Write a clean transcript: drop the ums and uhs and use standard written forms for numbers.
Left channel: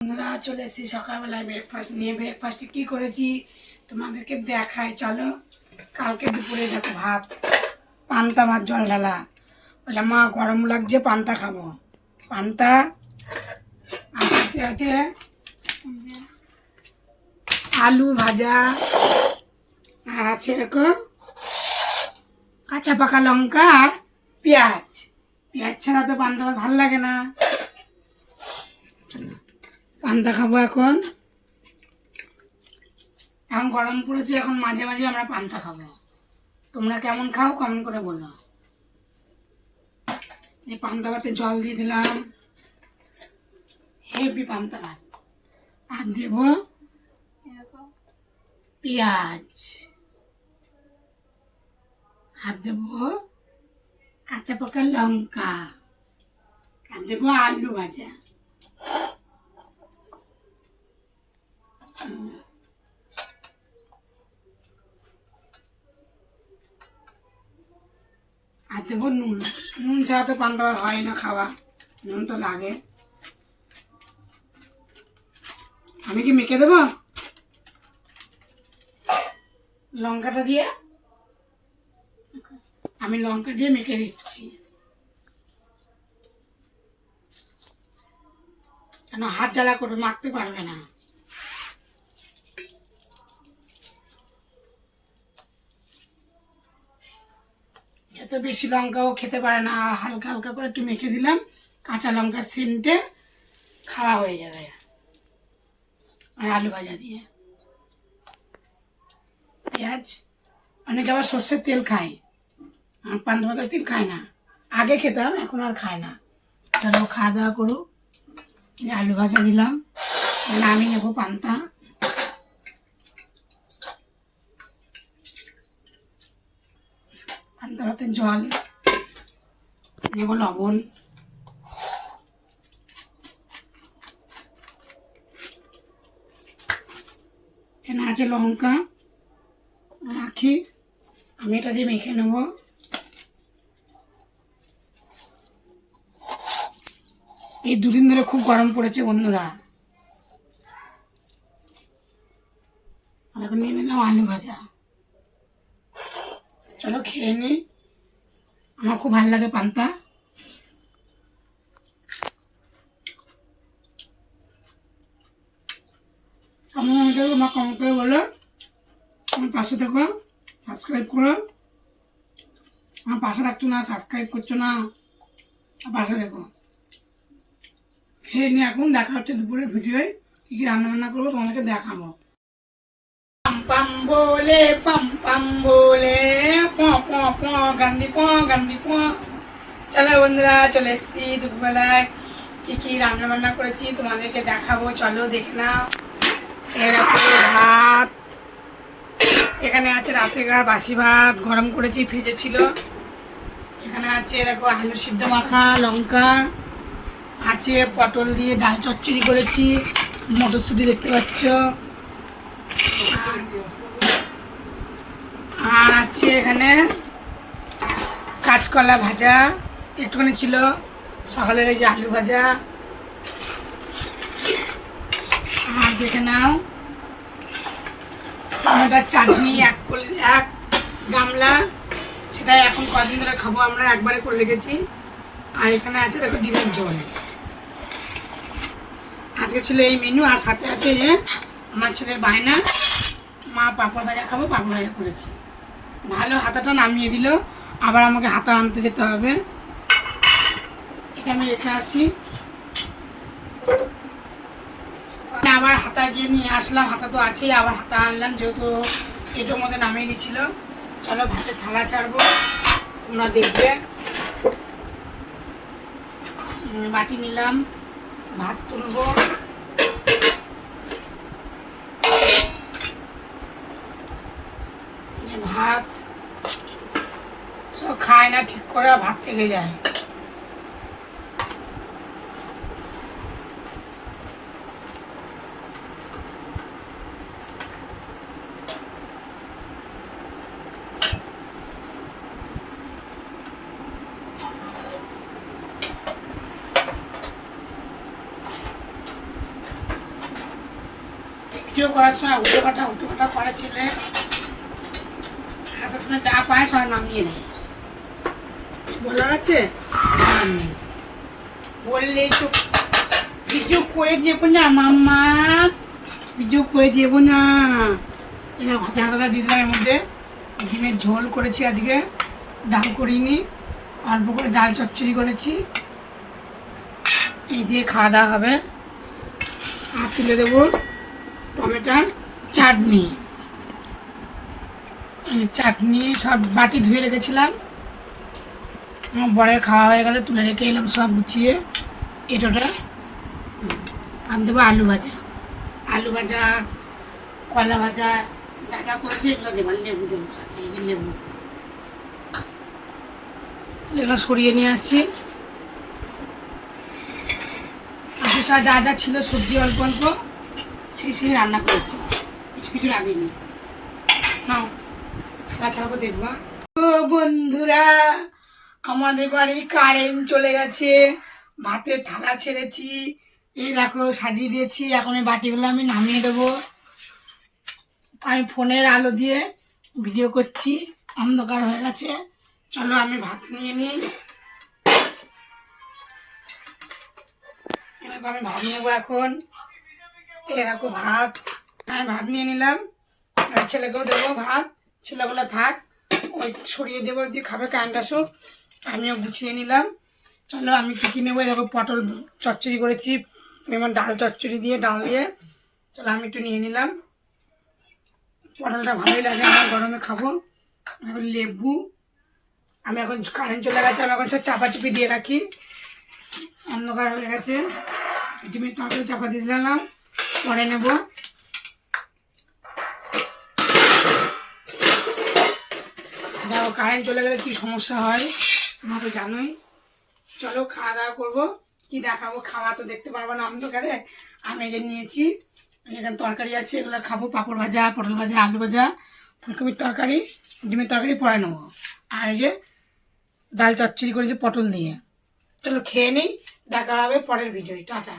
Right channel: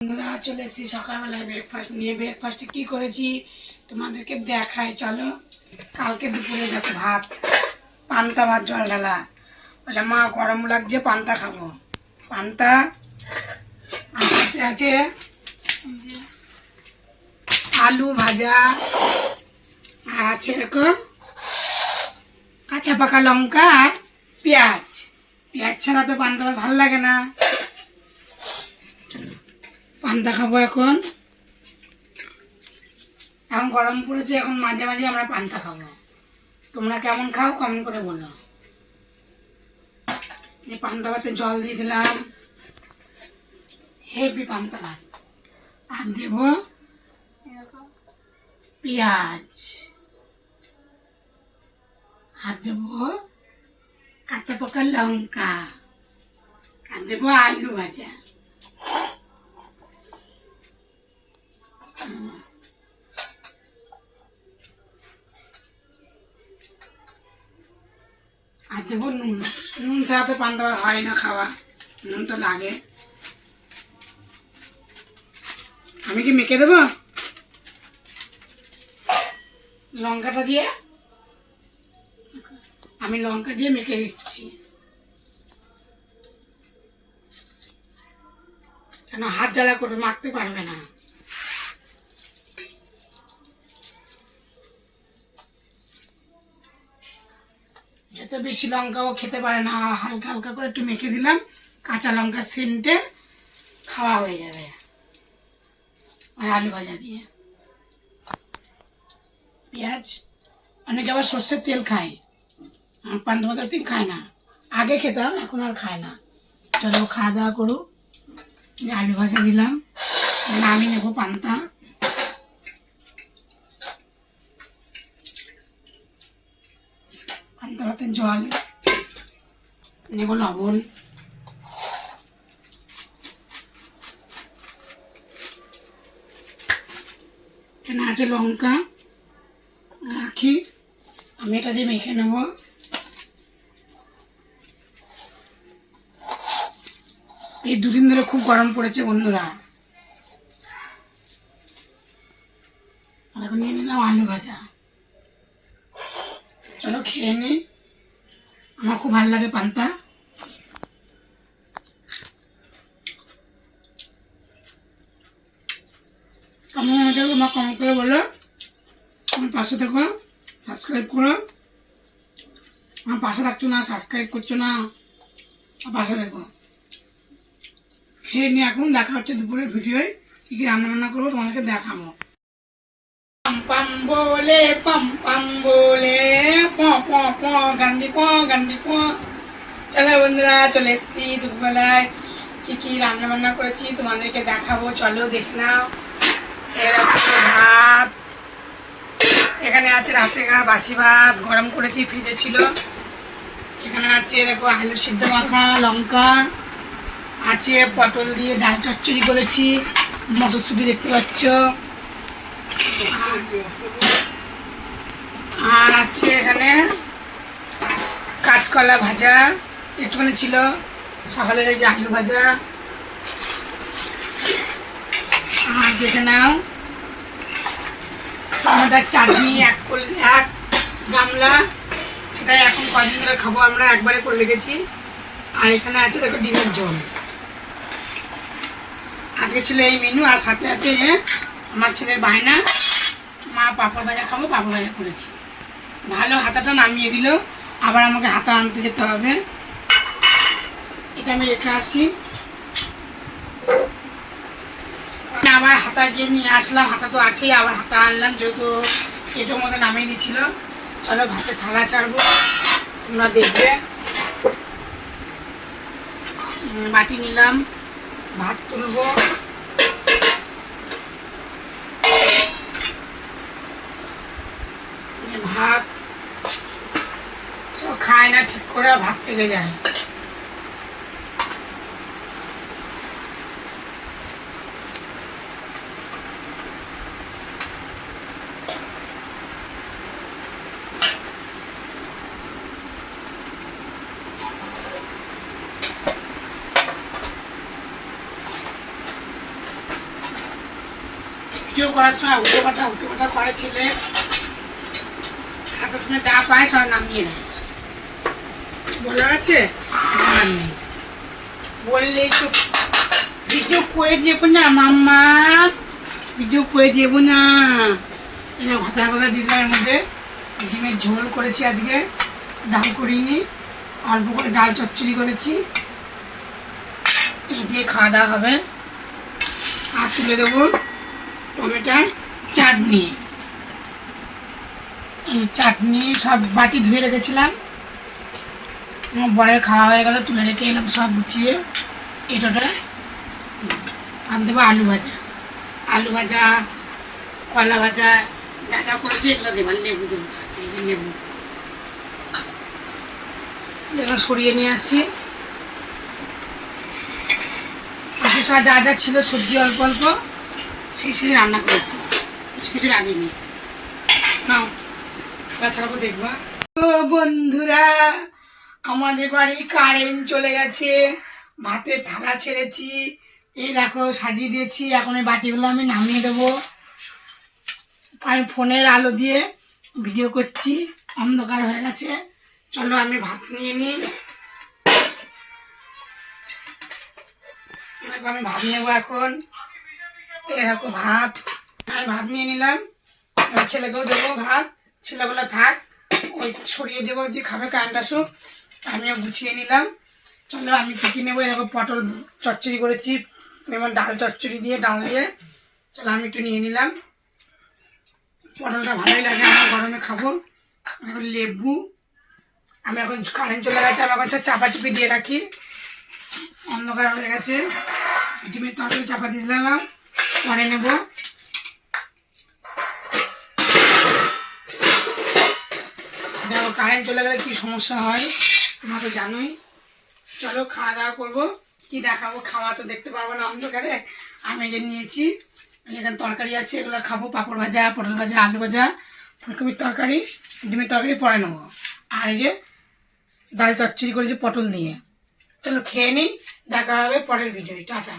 বন্ধুরা চলে এসেছি সকালবেলায় ব্রেকফাস্ট নিয়ে। ব্রেকফাস্টে কি করেছি তোমাদেরকে দেখাই, চলো। কালকে দুপুরে দেখো ভাত, পান্তা ভাত জল ঢালা। বলে মা গরম লাগছে, পান্তা খাবো। পান্তা আর সাথে আছে আলু ভাজা, আর আছে দেখো কাঁচা পাকা লঙ্কা আর পেঁয়াজ। পেঁয়াজ ছাড়া তো পান্তা ভাত ভালো লাগে না। পান্তা খাবো এখন। এখন গরম পড়েছে, এখন মাঝে মাঝে আমরা পান্তা খাবো। তোমরা কেমন খাও কমেন্ট করে বলো। এই পান্তা ভাতে জল দিয়ে দিলাম, হেভি পান্তা ভাত। আর দেব পেঁয়াজ, আর দেব কাঁচা পাকা লঙ্কা, আর দেব আলু ভাজা। আর দেবো নুন। নুন ছাড়া তো পান্তা হয় না খাওয়া, নুন তো লাগে। আমি কি মেখে দেবো লঙ্কাটা দিয়ে? আমি লঙ্কা দিয়ে মেখে দিচ্ছি, কেন হাত জ্বালা করে মাখতে পারবে না। এত বেশি লঙ্কাও খেতে পারে না, হালকা হালকা করে একটু মেখে দিলাম, কাঁচা লঙ্কা সেন্টে খাওয়া হয়ে যাবে। আর আলু ভাজা দিয়ে পেঁয়াজ। অনেকে আবার সর্ষের তেল খায়, আর পান্তা ভাতের তেল খায় না। আগে খেতাম, এখন আর খায় না। চলো খাওয়া দাওয়া করুক। আলু ভাজা দিলাম, নামিয়ে নেবো পান্তা। পান্তা ভাতের জল নেব, লবণ, এখানে আছে লঙ্কা, রাখি। আমি এটা দিয়ে মেখে নেব। এই দুদিন ধরে খুব গরম পড়েছে বন্ধুরা। এখন নিয়ে নিলাম আলু ভাজা। চলো খেয়ে নি। আমার খুব ভালো লাগে পান্তা। কেমন হয়েছে তোমার কমেন্ট করে বলো। আমার পাশে দেখো, সাবস্ক্রাইব করো। আমার পাশে রাখছো না, সাবস্ক্রাইব করছো না, পাশে দেখো। খেয়ে নিয়ে এখন দেখা হচ্ছে দুপুরের ভিডিওয়। কী কী রান্না বান্না করবো তোমাদেরকে দেখাবো। পাম পাম বলে প প প গান্ধী প। চলো বন্ধুরা চলে এসেছি দুপুরবেলায়। কী কী রান্না বান্না করেছি তোমাদেরকে দেখাবো, চলো দেখে নাও। ভাত, এখানে আছে রাতেকার বাসি ভাত, গরম করেছি, ফ্রিজে ছিল। এখানে আছে দেখো আলু সিদ্ধ মাখা, লঙ্কা আছে, পটল দিয়ে ডাল চচ্চড়ি করেছি, মটরশুঁটি দেখতে পাচ্ছ, আর আছে এখানে কাঁচকলা ভাজা একটুখানি ছিল, সকালের ওই যে আলু ভাজা। আর দেখে নাও টমেটোর চাটনি এক গামলা, সেটাই এখন কদিন ধরে খাবো আমরা, একবারে করে রেখেছি। আর এখানে আছে দেখো ডিমের ঝোল। আজকে ছিল এই মেনু। আর সাথে আছে আমার ছেলের বায়না, মা পাঁপড় ভাজা খাবো, পাঁপড় ভাজা করেছি। ভালো হাতাটা নামিয়ে দিল, আবার আমাকে হাতা আনতে যেতে হবে। এটা আমি রেখে আসি, আবার হাতা গিয়ে নিয়ে আসলাম। হাতা তো আছেই, আবার হাতা আনলাম, যেহেতু এটার মধ্যে নামিয়ে দিচ্ছিল। চলো ভাতে থালা ছাড়বো, তোমরা দেখবে। বাটি নিলাম, ভাত তুলবো। ভাত সব খায় না ঠিক করে, ভাত থেকে যায়। ভিডিও করার সময় উল্টো পাটা করে ছেলে, হাতের সময় যা পায় সব নামিয়ে দেয়। বলার আছে বললেই তো ভিডিও করে দেবো না মাম্মা, ভিডিও করে দেবো না। এটা ভাজা ভাজা দিলাম, এর মধ্যে ডিমের ঝোল করেছি আজকে, ডাল করিনি, অল্প করে ডাল চচ্চড়ি করেছি। এই দিয়ে খাওয়া দাওয়া হবে। আর তুলে দেবো টমেটোর চাটনি। চাটনি সব বাটি ধুয়ে রেখেছিলাম, আমার বরের খাওয়া হয়ে গেল, তুলে রেখে এলাম সব গুছিয়ে। এটোটা আর দেবো আলু ভাজা, কলা ভাজা, যা যা করেছি এগুলো দেবার, লেবু দেবো সাথে, লেবু এগুলো সরিয়ে নিয়ে আসছি। আজকে সব যা যা ছিল সবজি অল্প অল্প সেই রান্না করেছি, কিছু রাখিনি। নাও খাওয়া ছাড়াবো দেখবা। ও বন্ধুরা, আমাদের বাড়ি কারেন্ট চলে গেছে, ভাতের থালা ছেড়েছি, এই দেখো সাজিয়ে দিয়েছি। এখন এই বাটিগুলো আমি নামিয়ে দেবো। আমি ফোনের আলো দিয়ে ভিডিও করছি, অন্ধকার হয়ে গেছে। চলো আমি ভাত নিয়ে নিই। আমি ভাত নেবো এখন। এই দেখো ভাত, আমি ভাত নিয়ে নিলাম। এবার ছেলেকেও দেবো ভাত, ছেলেগুলো থাক, ওই ছড়িয়ে দেবো, দিয়ে খাবে, কারেন্ট আসুক। আমিও গুছিয়ে নিলাম। চলো আমি টিকি নেবো। দেখো পটল চচ্চড়ি করেছি, যেমন ডাল চচ্চড়ি দিয়ে, ডাল দিয়ে। চলো আমি একটু নিয়ে নিলাম। পটলটা ভালোই লাগে আমার, গরমে খাবো। এখন লেবু, আমি এখন কারেন্ট চলে গেছে, আমি এখন সব চাপাচুপি দিয়ে রাখি, অন্ধকার হয়ে গেছে। ডিমের তরকারি চাপা দিয়ে দিলাম, পরে নেব। দেখো কারেন্ট চলে গেলে কী সমস্যা হয় তোমরা তো জানোই। চলো খাওয়া দাওয়া করবো। কি দেখাবো, খাওয়া তো দেখতে পারবো না অন্ধকারে। আমি যে নিয়েছি, এখানে তরকারি আছে, এগুলো খাবো। পাঁপড় ভাজা, পটল ভাজা, আলু ভাজা, ফুলকপির তরকারি, ডিমের তরকারি পরে নেবো। আর এই যে ডাল চচ্চড়ি করেছি পটল দিয়ে। চলো খেয়ে নিই, দেখা হবে পরের ভিডিও। টাটা।